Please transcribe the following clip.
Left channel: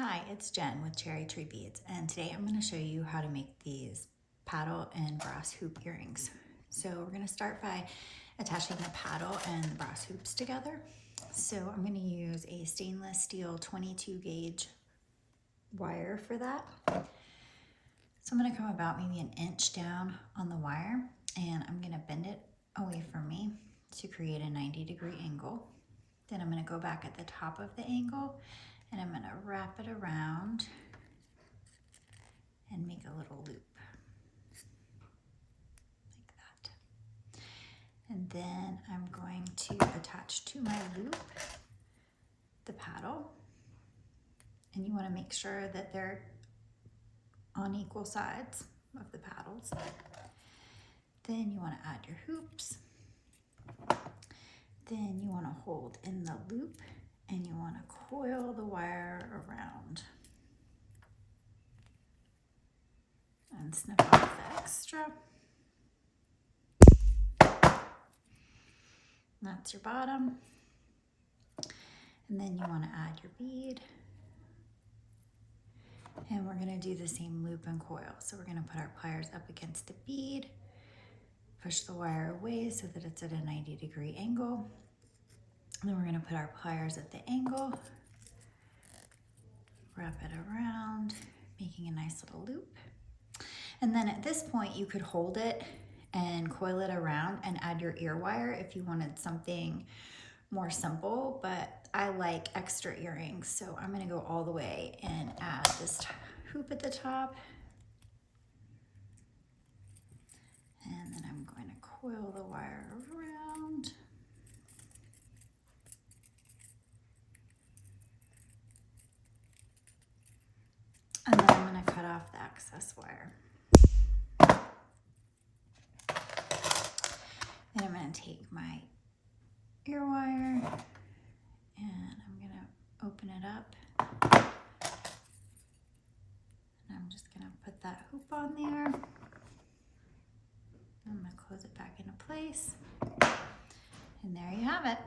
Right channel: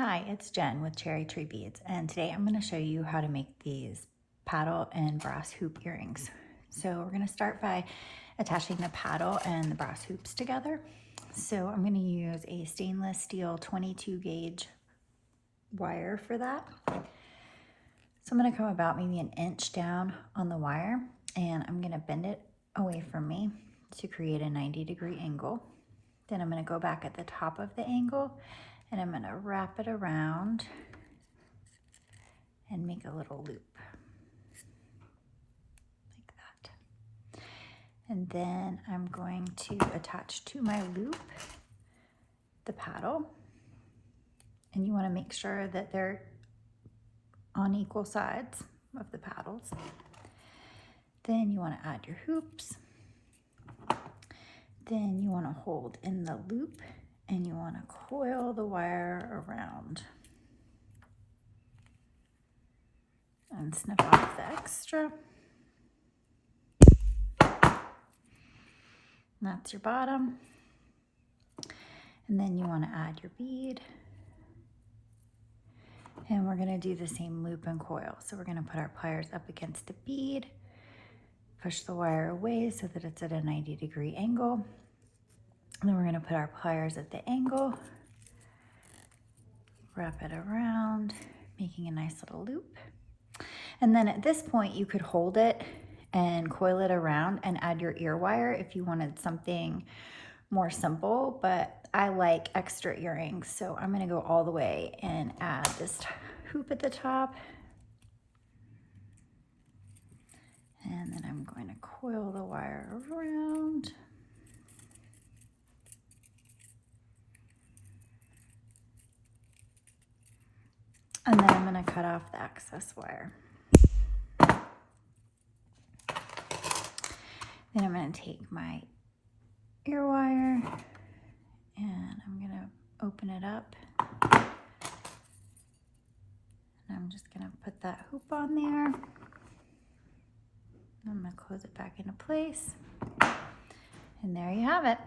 Hi, it's Jen with Cherry Tree Beads, and today I'm going to show you how to make these paddle and brass hoop earrings. So we're going to start by attaching the paddle and the brass hoops together. So I'm going to use a stainless steel 22 gauge wire for that. So I'm going to come about maybe an inch down on the wire, and I'm going to bend it away from me to create a 90-degree angle. Then I'm going to go back at the top of the angle, and I'm going to wrap it around and make a little loop like that. And then I'm going to attach to my loop the paddle, and you want to make sure that they're on equal sides of the paddles. Then you want to add your hoops. Then you want to hold in the loop and you want to coil the wire around and snip off the extra. That's your bottom. And then you want to add your bead. And we're going to do the same loop and coil. So we're going to put our pliers up against the bead, push the wire away so that it's at a 90-degree angle. And then we're going to put our pliers at the angle, wrap it around, making a nice little loop. And then at this point, you could hold it and coil it around and add your ear wire if you wanted something more simple, but I like extra earrings, so I'm going to go all the way and add this hoop at the top. And then I'm going to coil the wire around. And then I'm going to cut off the excess wire. Then I'm going to take my ear wire and I'm going to open it up. And I'm just going to put that hoop on there. I'm going to close it back into place. And there you have it.